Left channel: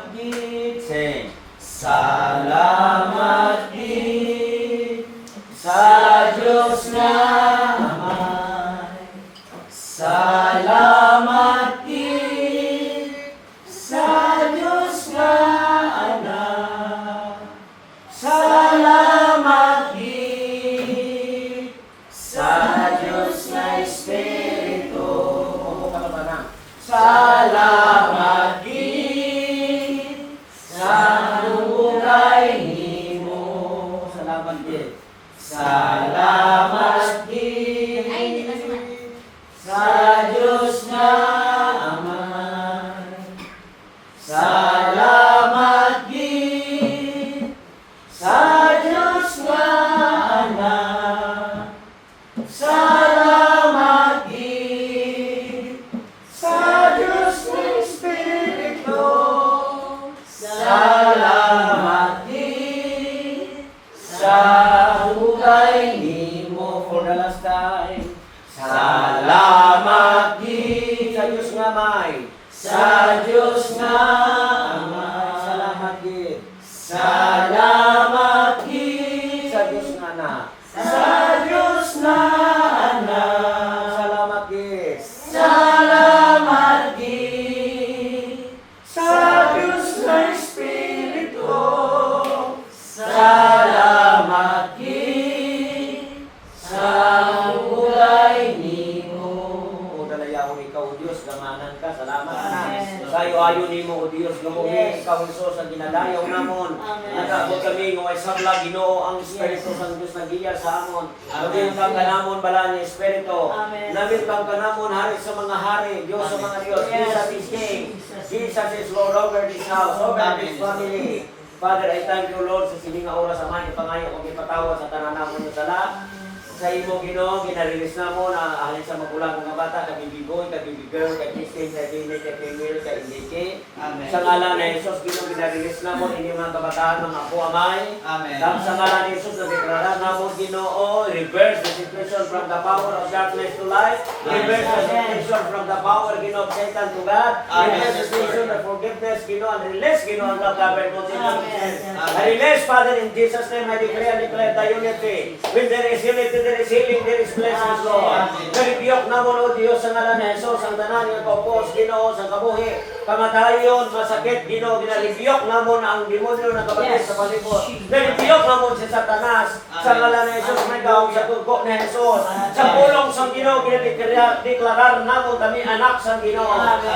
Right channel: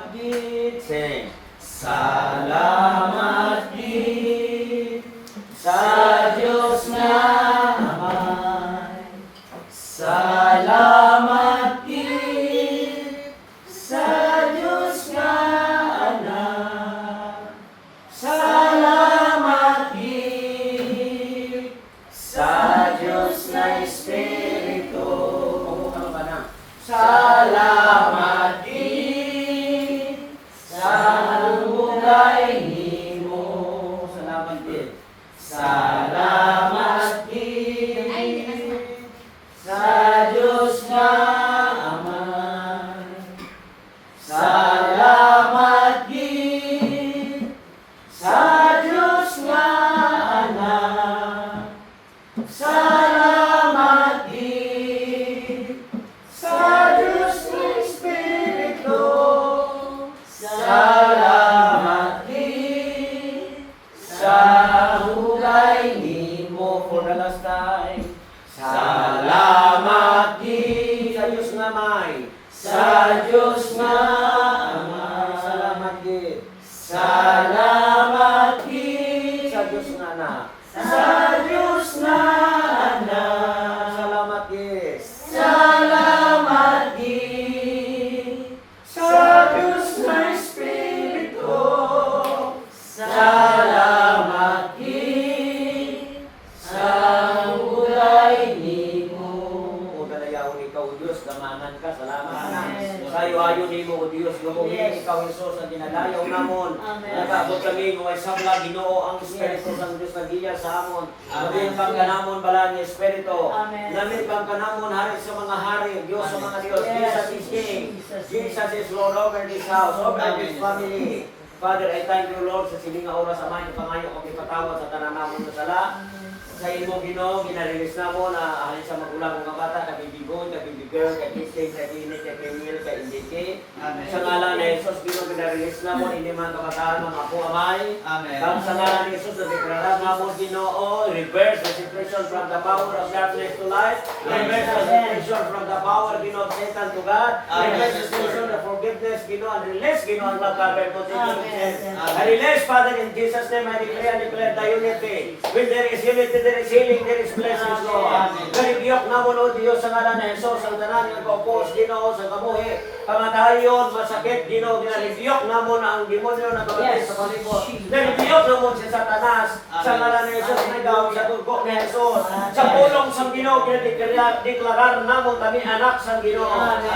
Salamat gid. Sing. Salamat gid sa Diyos nga Amay. Salamat gid sa Diyos nga Anak. Salamat gid sa Diyos nga Espiritu. Salamat gid sa bulay nimo. Salamat gid. Salamat gid sa Diyos nga Amay. Salamat gid sa Diyos nga Anak. Salamat gid sa Diyos nga Espiritu. Salamat gid sa hulay nimo. For the last time. Salamat gid sa Diyos nga Amay. Sa Diyos nga Amay. Salamat gid. Salamat gid sa Diyos nga Anak. Sa Diyos nga Anak. Salamat gid. Salamat gid sa Diyos nga Espiritu. Salamat gid sa hulay nimo. O dalayahon ikaw, Diyos, gamanan ka. Salamat. Sayo-ayo nimo, O Diyos, gumuhin ikaw, Isos, ang ginadayaw namon. Nag-abot kami ng isabla, Ginoo, ang Espiritu sa Diyos nagiya sa amon. Maging kang kanamon bala ni Espiritu. Namin kang kanamon hari sa mga hari, Diyos sa mga Diyos. Jesus is King. Jesus is Lord over this house, over this family. Father, I thank you, Lord, sa sininga oras sa mga ipangayo o ipatawad sa tananamon ng sala. Sa imo, Ginoo, ginarilis na mo na ahalin sa magulang mga bata, kay baby boy, kay baby girl, kay Christine, kay Dinit, kay Camille, kay Indike. Sa ngalan ni Jesus, Ginoo, ginarilis na mo, hindi mga kabataan, mga apo amay. At sa ngalan ni Jesus, nagdeklarar na mo, Ginoo, reverse the situation from the power of darkness to light. Reverse the situation from the power, Ginoo, of Satan to God. Reverse the situation of forgiveness, Ginoo, and release, Ginoo, and love, God, I release, Father, in Jesus' name, I declare and declare the unity. When there is unity, there is healing, there is blessings, Lord. Karibiyok na mo, Lord, Diyos, sa ngalan ni Jesus, ang tanan ng kaupos, Ginoo, sa kabuhi, kamatayon, masakit, Ginoo, ginaribiyok na mo na ang demonyo na kabatid sa palibot. Naribiyok na mo si Satanas, sa ngalan ni Jesus, nagaw sa tugko ni Jesus. Sa pulong sa Ginoo, ginadiklarar na mo, kami anak sa Ginoo.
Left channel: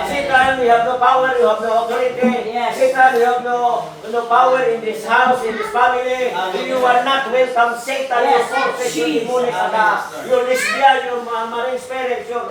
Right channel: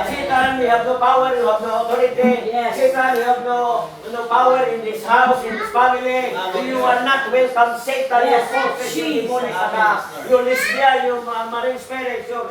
Satan, we have no power, you have no authority. Satan, you have no power in this house, in this family. You are not welcome, Satan, you forfeit your demonic attack, your lesbian, your marine spirits, your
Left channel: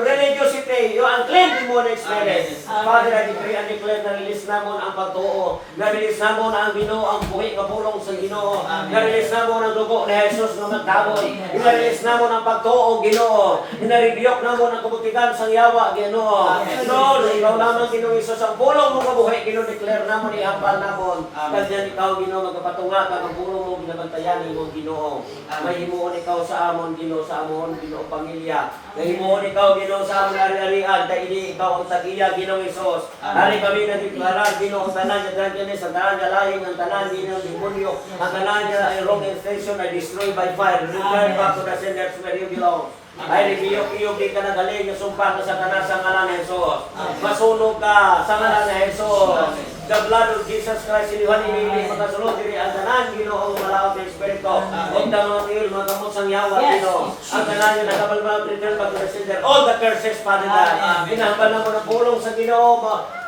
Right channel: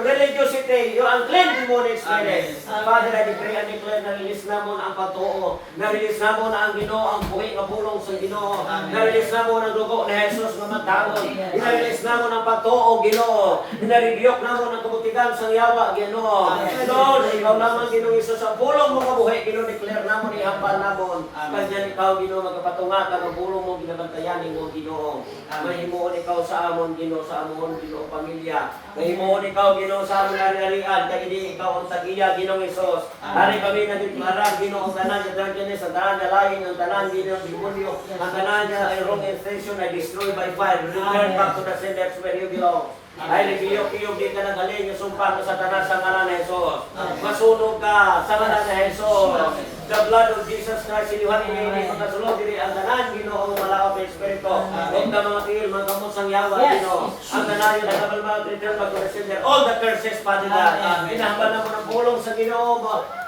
religiosity, your unclean demonic spirits. Father, I decree and declare na release na mo ang pagtuo, na release na mo na ang Ginoo, ang buhi kapulong sa Ginoo, na release na mo ng dugo ni Jesus na magtabon, na release na mo ng pagtuo, Ginoo, na ribiyok na mo ng kabutikan sa yawa, Ginoo. Lord, ikaw naman, Ginoo Jesus, ang pulong mo kabuhi, Ginoo, declare na mo ni hambal na mo. Kanyan ikaw, Ginoo, magkapatunga ka, ang pulong mo, ginabantayan mo, Ginoo. May himuon ikaw sa amon, Ginoo, sa amon, Ginoo, pamilya. May himuon ikaw, Ginoo, sa amon ari-arian, kaya hindi ikaw ang tagiya, Ginoo Jesus. Hari kami nagdeklara, Ginoo, ang tanan niya drunkenness, ang tanan niya lying, ang tanan Ginoo, demonyo, ang tanan niya ay wrong intention, ay destroyed by fire. Return back to the senders where you belong. Ay ribiyok-iyok di ka nagaling, sumpa ka sa tanan sa ngalan ni Jesus. Masunog ka sa ngalan ni Jesus. The blood of Jesus Christ, iniwan ini magkasulod diri ang tanan, Ginoo, ang malakap ng Espiritu. Huwag na mga tingil, mga gamot sang yawa, Ginoo. Ang tanan yung nakabalbal, return back to the sender. All the curses, Father God. Hinahambal na mo ng pulong sa Ginoo,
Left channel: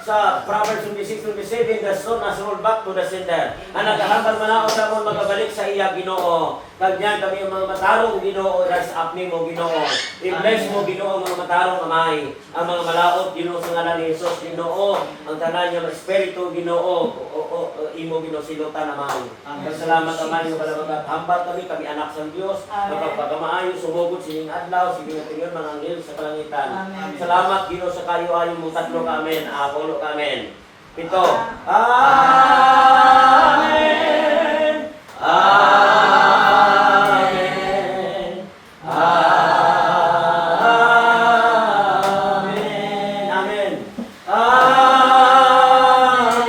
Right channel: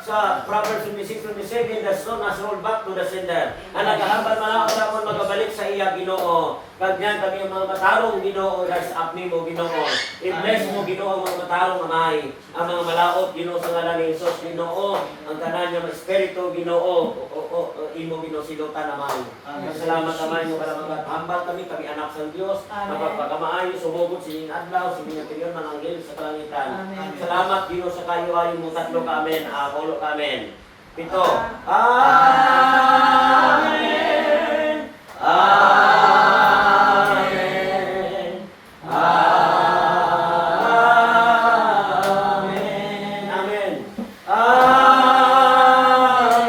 sa Proverbs 26:27, the stone has rolled back to the sender. Ang nagahambal malakaw sa mo magabalik sa iya, Ginoo. Kagyan kami ang mga matarong, Ginoo, rise up ni mo, Ginoo. I-bless mo, Ginoo, ang mga matarong amay. Ang mga malaot, Ginoo, sa ngalan ni Jesus, Ginoo. Ang tanan niya ng Espiritu, Ginoo, imo, Ginoo, silutan amay. Salamat amay, yung kalabagat. Hambal kami anak sa Diyos. Mapagpakamaayo, sumugod, sining adlaw, sining atinyon, mga anghel sa kalangitan. Salamat, Ginoo, sa kayo ayon mo tatlo ka, amen. Apolo ka, amen. Pito. Amen. Amen. Amen. Amen. Amen.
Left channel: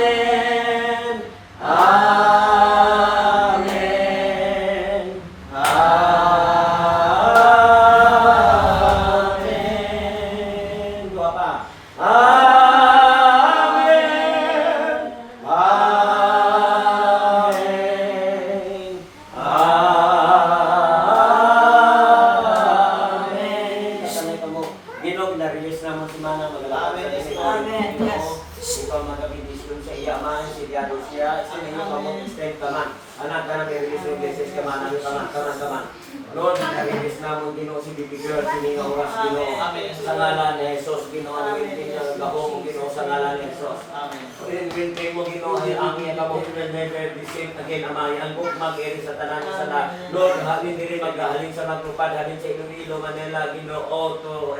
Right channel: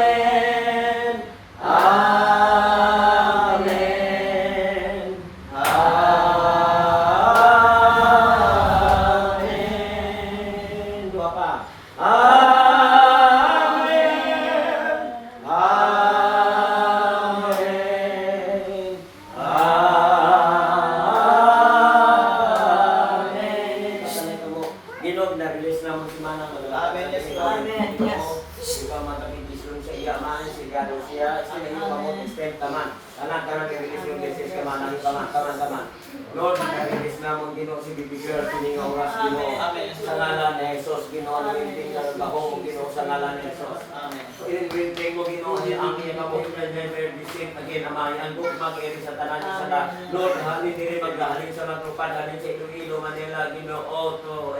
kaman. Lord, narinis na mo, Ginoo, si Baby Girl, sininga oras, Ginoo. Sa ngalan ni Jesus, Ginoo, ang winting ng gaho mo, Ginoo, sa ngalan ni Jesus. Winting mo, Ginoo, ang iya ka mo, never be seen again, Amay. Ang book mag-eri sa tanan sa na. Lord, halin diri maghalin sa magtupad, halin sa Iloilo, Manila, Ginoo, to,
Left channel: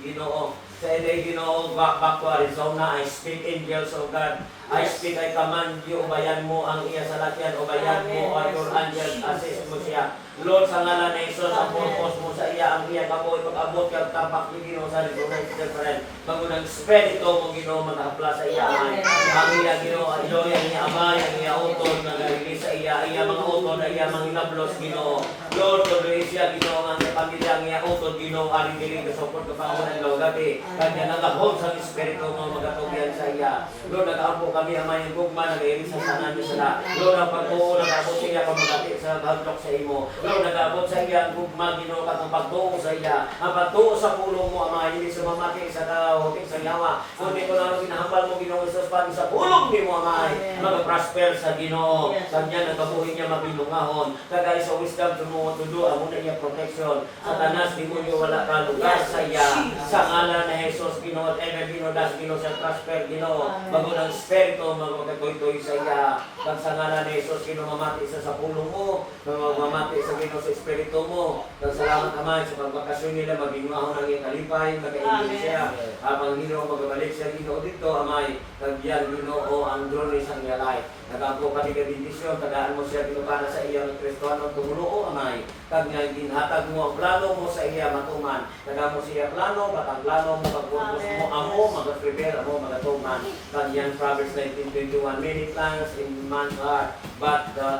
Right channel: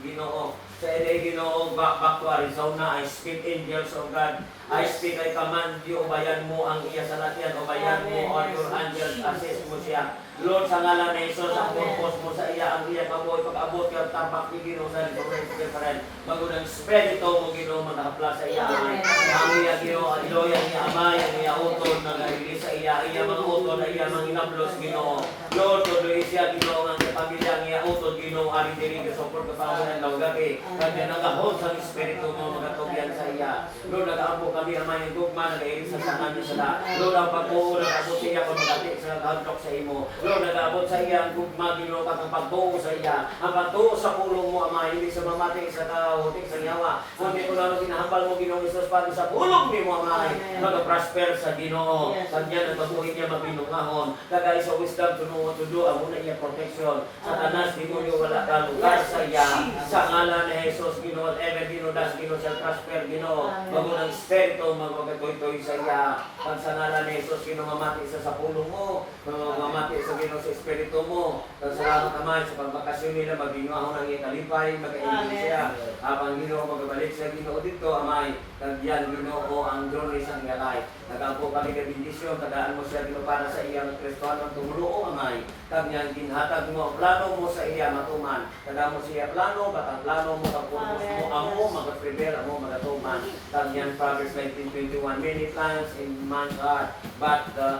Ginoo. Sa LA, Ginoo, back to Arizona, I speak angels of God. I speak, I command you, ubayan mo ang iya sa latyan, ubayan mo, or your angels, assist mo siya. Lord, sa ngalan na Jesus, ang purpose mo sa iya, ang iya kamoy, pag-abot yung tampak ni Ginoo sa Rizonite Different. Magunang spirito mo, Ginoo, mag-apla sa iya, Amay. Ang iya, Ginoo, ang iloya niya, Amay, ang iya utod, nag-release sa iya mga utod, iya mga inablos, Ginoo. Lord, tuloy siya, Ginoo, ang pamilya ang iya utod, Ginoo, ari diri, support ka pa mo ng gabi. Kanya nag-abot sa spirito mo, magatugyan sa iya. Lord, nag-abot kami, Amay, ang gugma, nag-ilis sa sanan niya sila. Lord, ang pag-uo, nag-abot siya, kung magati sa handok sa imo. Lord, nag-abot sa iya ang gugma, Ginoo, katong pagtuo sa iya. Ang pagtuo sa pulong mo, Ama, hindi sa mamati sa kahutik sa yawa. Kundi ko lang ginahambal mo, Ginoo, Isus, pati sa pulong ni mo, Ama, mag-prosper sa Ginoo. Kanya nagkabuhin niya mabinungahon. Kagay sa wisdom, tudo, amo na niya protection. Sa tanas, Ginoo, wala ka lugar sa iya. Sa ngalan na Jesus, Ginoo, whatever, Ginoo, das, Ginoo, sa prosper, Ginoo. Magunang spirito, magkatoy-toy sa iya. Kang sa ngalan na Jesus, Ginoo, mamati sa pulong mo. Mamati sa Ginoo sa espiritu mo. Kang salamat naman sa pagbakasyon nila, magingahon ang iyong kalipay, magkaingin siya. Habang Ginoo, magabalik siya, Ginoo, dito, Amay. Nagyan, Ginoo, ang journey sa iyong life. Nag-ampo ka ni kabindisyon, tagaan mo siya, Ginoo, para sa iyang Kristohanong tumulo, Amay. Kanyang ginhatag mo, plano mo sa iya matuman. Tagaan mo siya plano, batang plano mo, pagpupos mo, amo, mag-prepare, amo, magatuman. Kanyang Proverbs 19:21, many plans in man's heart, but the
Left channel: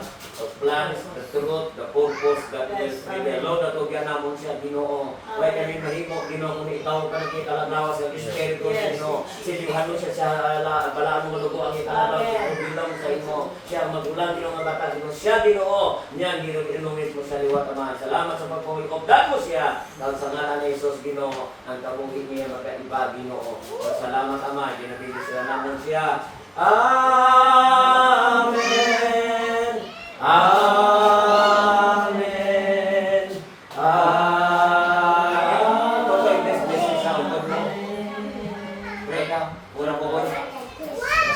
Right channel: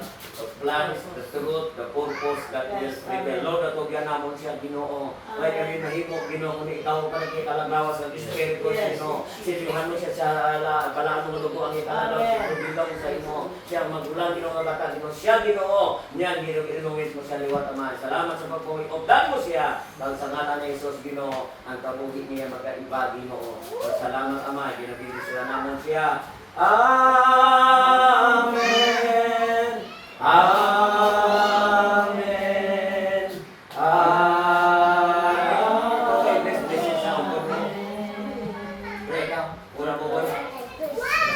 plans, the truth, the purpose, that will prevail. Lord, natugyan namon siya, Ginoo. Kaya kami mahimo, Ginoo, kung ikaw pa nagkikalaglawas ng Espiritu, Ginoo. Silihan mo siya sa balaan mo lugo ang ikalagaw, Ginoo, bilong sa imo. Siya magulang, Ginoo, nga bata, Ginoo. Siya, Ginoo, niyan, Ginoo, ilungit mo sa liwat, Ama. Salamat sa pagpuwi. Obdan mo siya. Dahil sa ngalan ni Jesus, Ginoo, ang kabuhi niya magkaiba, Ginoo. Salamat, Ama. Ginabili sila naman siya. Amen. Amen. Amen. Okay, this is how God will. Pray ka. Una po po.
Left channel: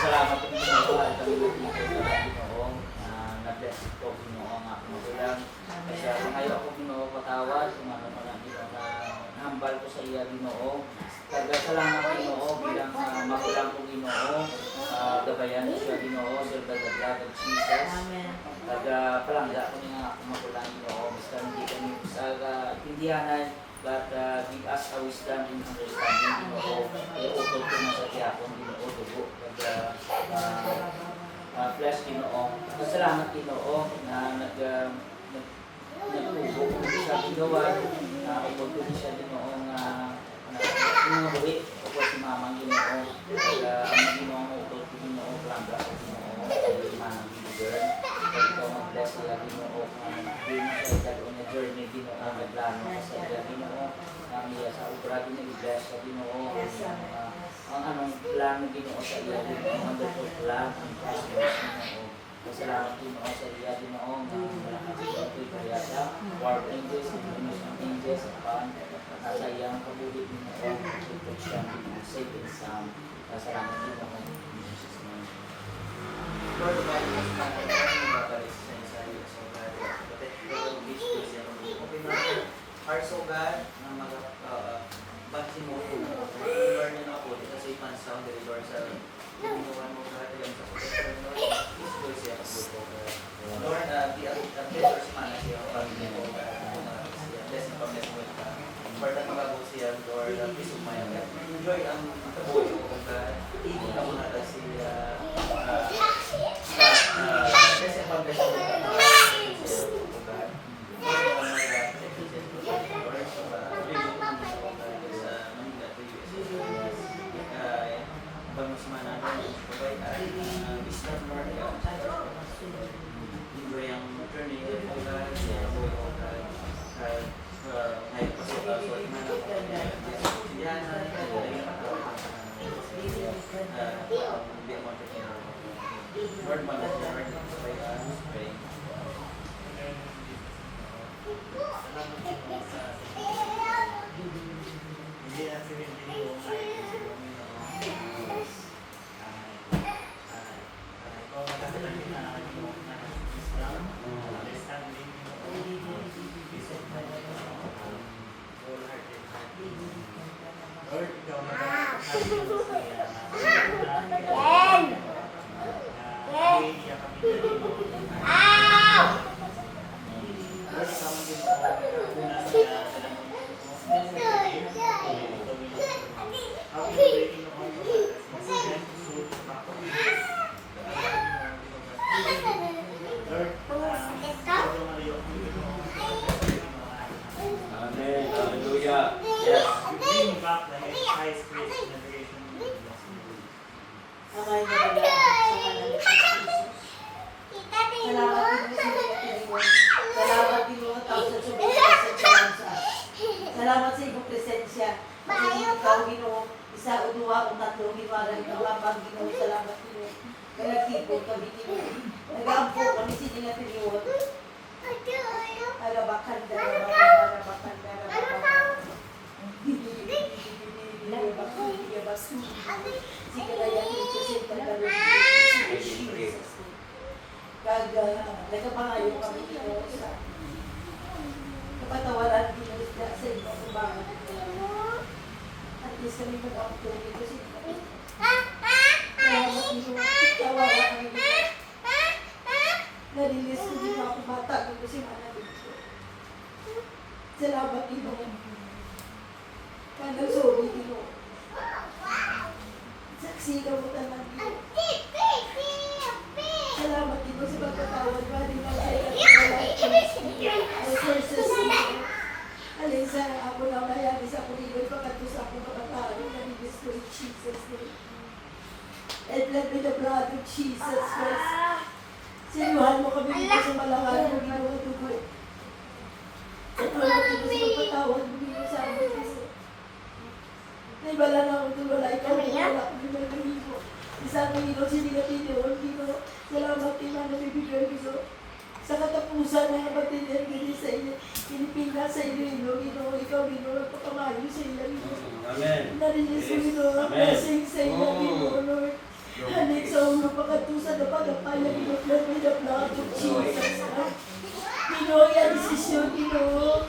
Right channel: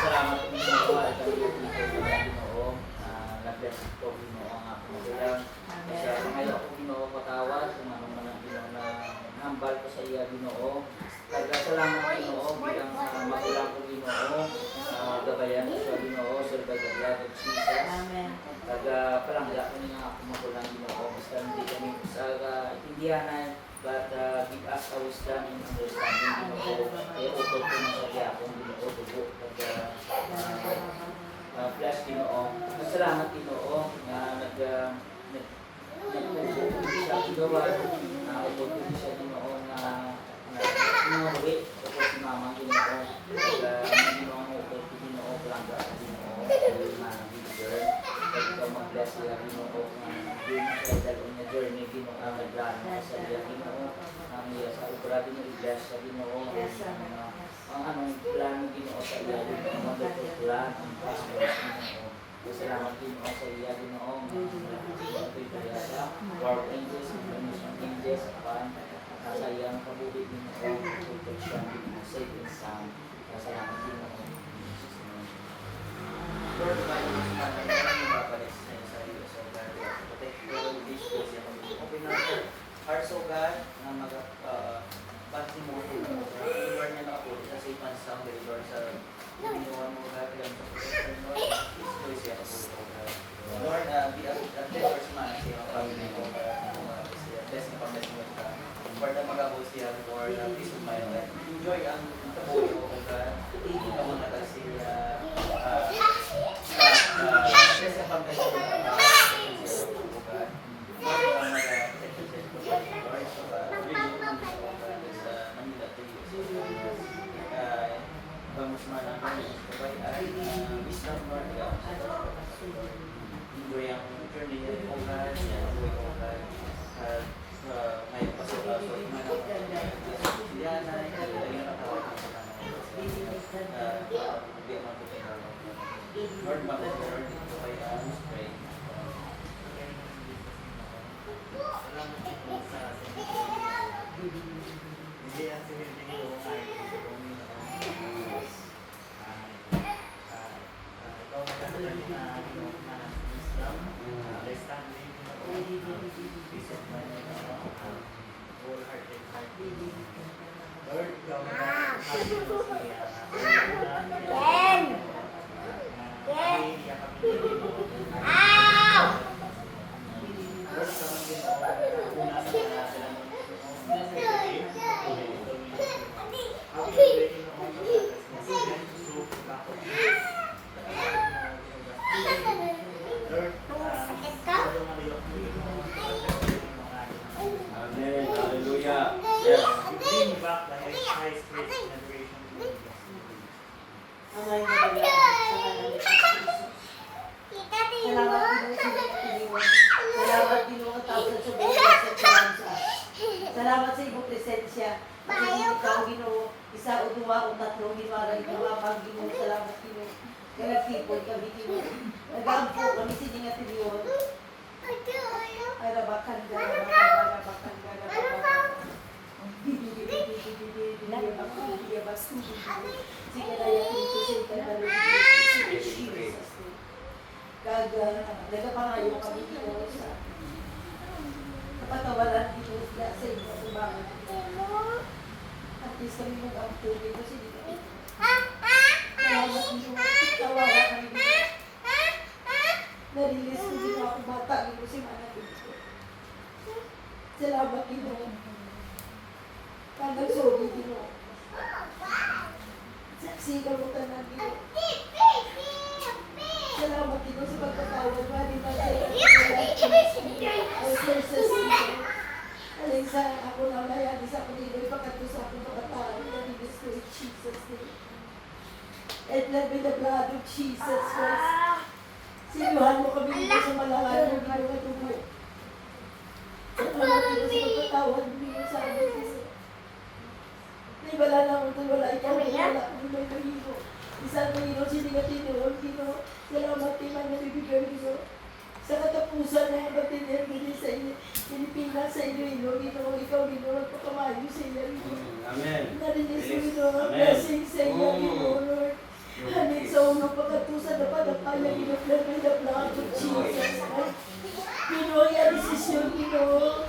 Salamat po sa mga itong Ginoo. Na-bless ko, Ginoo, ang aking magulang. Kasi ako ngayon ako, Ginoo, patawad. Umano mo na, Ginoo, na hambal ko sa iya, Ginoo. Kaya salamat, Ginoo, bilang magulang ko, Ginoo. Gabayan siya, Ginoo, sa the blood of Jesus. Kaya palangga ko nga ako magulang, Ginoo. Basta hindi kami sa intindihanan, but give us a wisdom and understanding, Ginoo. Kaya utol ko na sa tiyakon, Ginoo, dugo. Kaya bless, Ginoo. Salamat, Ginoo, na nagtubo ko siya, Ginoo. Nagtubo ko siya, Ginoo, na inuwi ko si Mamang, Ginoo. Kaya ang Ginoo mo utol ko, Ginoo, palangga ko, Ginoo. Kaya mga girl. Kaya ikaw mag-bless nila, Ginoo. Hindi mo siya dalo na journey, Ginoo, ang nagplano sa iya, Ginoo. Ang iya sa ubra, Ginoo, i-bless sa Ginoo. Ang anong plano, Ginoo, sa iya, Ginoo. Ang wonderful plan, ang prosperous, Ginoo. Salamat, Ginoo, sa iya, Ginoo. Ang kaya sa Lord angels, information angels, nasa iyang kabuhi, Ginoo. Protection, safe and sound. Salamat, Ginoo. Lord, tumayo mo sa mga nababalik sa iyo sa iyo, so God, protect the beach ko siya. Open natin hearts, O God, na mag-bati mo, deliver na na po, ito sa ipan sound, deliver sa ginawa mo, God, yan sa protection, Lord, beach ko siya po, God. Lord, be a first man siya, pamilya mo, bless na pag-bless mo ito. For the mga po siya, Lord, peace of mind, enjoy ang kabuhi mo, God, hindi na muna kasi kasi ang pag-bless mo enjoy ang journey mo po guys, enjoy po guys, ngayon pasok ako, yan, peace of mind, wholehearted heart. Lord, ikaw magkakasabi mo siya. Amen. Hallelujah. Yes. Bring back the high spirits in adoration to you. Amay na bala sa kanila sa Jesus. Salamat din mo ang tawag sa subukan sa tsansa. Salamat sa iyong presensya. Kasi ikaw, Ginoo, isa o duwa o tatlo, gimarang ito ang Ginoo. Salamat, Ginoo. Nagkipon kami, Ginoo. Nag-aampo kami sininga tiniyon. Arabakan, arabakan. Sige na yan, ito sa ikalalo. Nagkapangayo kami dito sa kapatawaran dito sa inyo sa bangon. At least kami mag-ampo dito sa inyo. Salamat dito na tawara kami dito. Nalilis ko din ako bata dito si Mana dito. Salamat dito. Kandang sorry dito. Saksi ka mo tanan dito. Salamat dito sa pagkatawad mo. Di ba sa'yo ang verses dito. Alin sa ako na layani sa Panginoon. Pagkato sa akong pagkatawad. Manibis ko in Jesus' name. And let me the blood of Jesus Christ. Sinuhan mo kami dito sa malangan mo. Ginawa tumo. Salamat dito sa pagkatawad mo dito sa amin. Naibala na ako doon. Wala ikaw. Wala ako doon. May kahino. Isang kahino. Sinigatin niyo. Gino. Salamat kayo na nabibigay Gino. Sa katapusan na batinian gini sa inyo. Pilipinas sa inyo. Gino. Ikaw Gino. Magpakamayo sa inyo. Gino. Amen. Narinig sa Gino. Amen. Blessing sa inyo. Gino. Lord. Hanin sa ulo pagkatusan na panapaya. Gino. May the blood of Jesus. Gino. Yan desisyon Gino.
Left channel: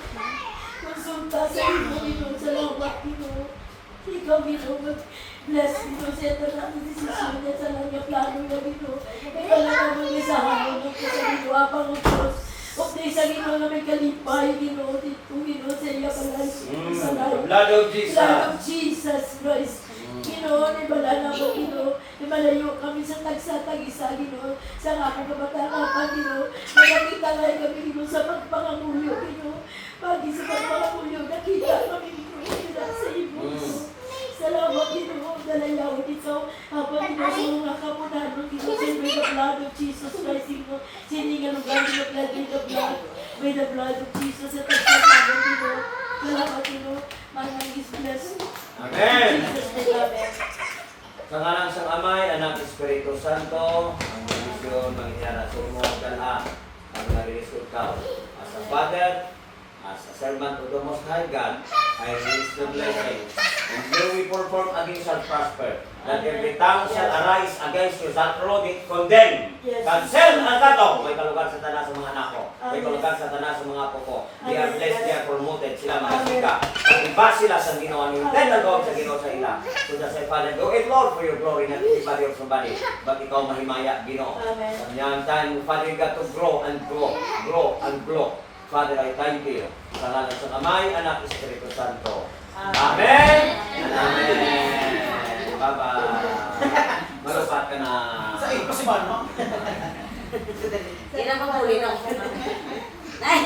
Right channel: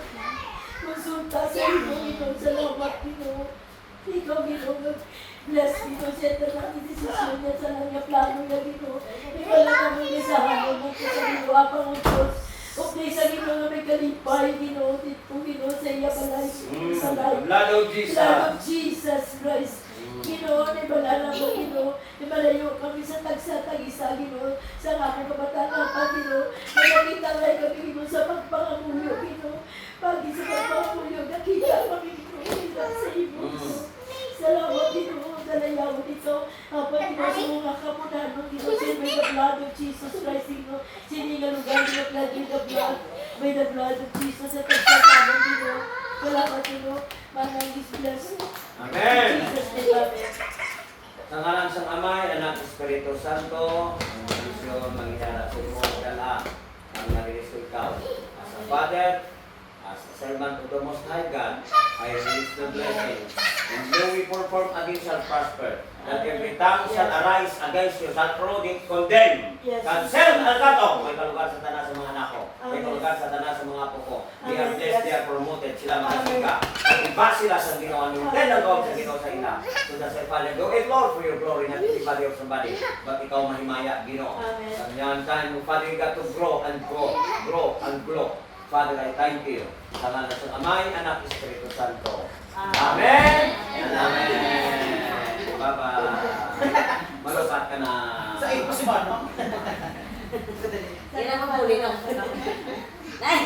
Konsulta sa inyo Gino. Salamat Gino. Ikaw Gino. Bless Gino. Sento na ang desisyon niya sa mga plano niya Gino. Ikaw lang ang mga isahan mo. Magkasabi mo apang ang Diyos. O sa Gino na may kalipay Gino. Dito Gino sa iya palay. Sa life. Blood of Jesus. Blood of Jesus Christ. Gino, nibala na mo, Gino. Nimalayo kami sa tagsa-tagisa, Gino. Sa akong kabataan, Gino. Nakakita lang kami, Gino, sa pagpangamulyo, Gino. Pagi sa pagpangamulyo, nakita kami, Gino. Gino, sa iyo. Salamat, Gino. Dalayawin ikaw. Habang Gino, sa mga kamunan mo, Gino. Siyempre, the blood of Jesus Christ, Gino. Siningalugan, Gino, by the blood of Jesus at tagsa-tagisa, Gino. Salamat, Gino. Manang is blessed. Amen. Jesus, amen. Sa ngalan sang Amay, Anak, Espiritu Santo, ang misyon, mangyara sa mo, gala, ang nag-result ka. As a Father, as a servant of the Most High God, I release the blessing. And no weapon formed against shall prosper. That every tongue shall arise against you, shall truly condemn. Yes. Cancel ang kato. May kalugar sa tanan sa mga anak ko. May Amen. kalugar sa tanan sa mga apo ko. They are Amen. blessed, they are promoted. Sila mga Amen. sika. At iba sila sa ginawa ni Then ang gawin sa ginawa sa ila. So that sa Father, do it Lord for your glory, not everybody or somebody. But ikaw mahimaya, Ginoo. Amen. Sa niyang time, Father, you got to grow and grow. Grow and grow. Father, I thank you. Sa ngalan sa Amay, Anak, Espiritu Santo. Amen. And amen. Bye-bye. Malupat ka na. Sa iyo pa si Mano. Hindi na maghuli na ako. Ay!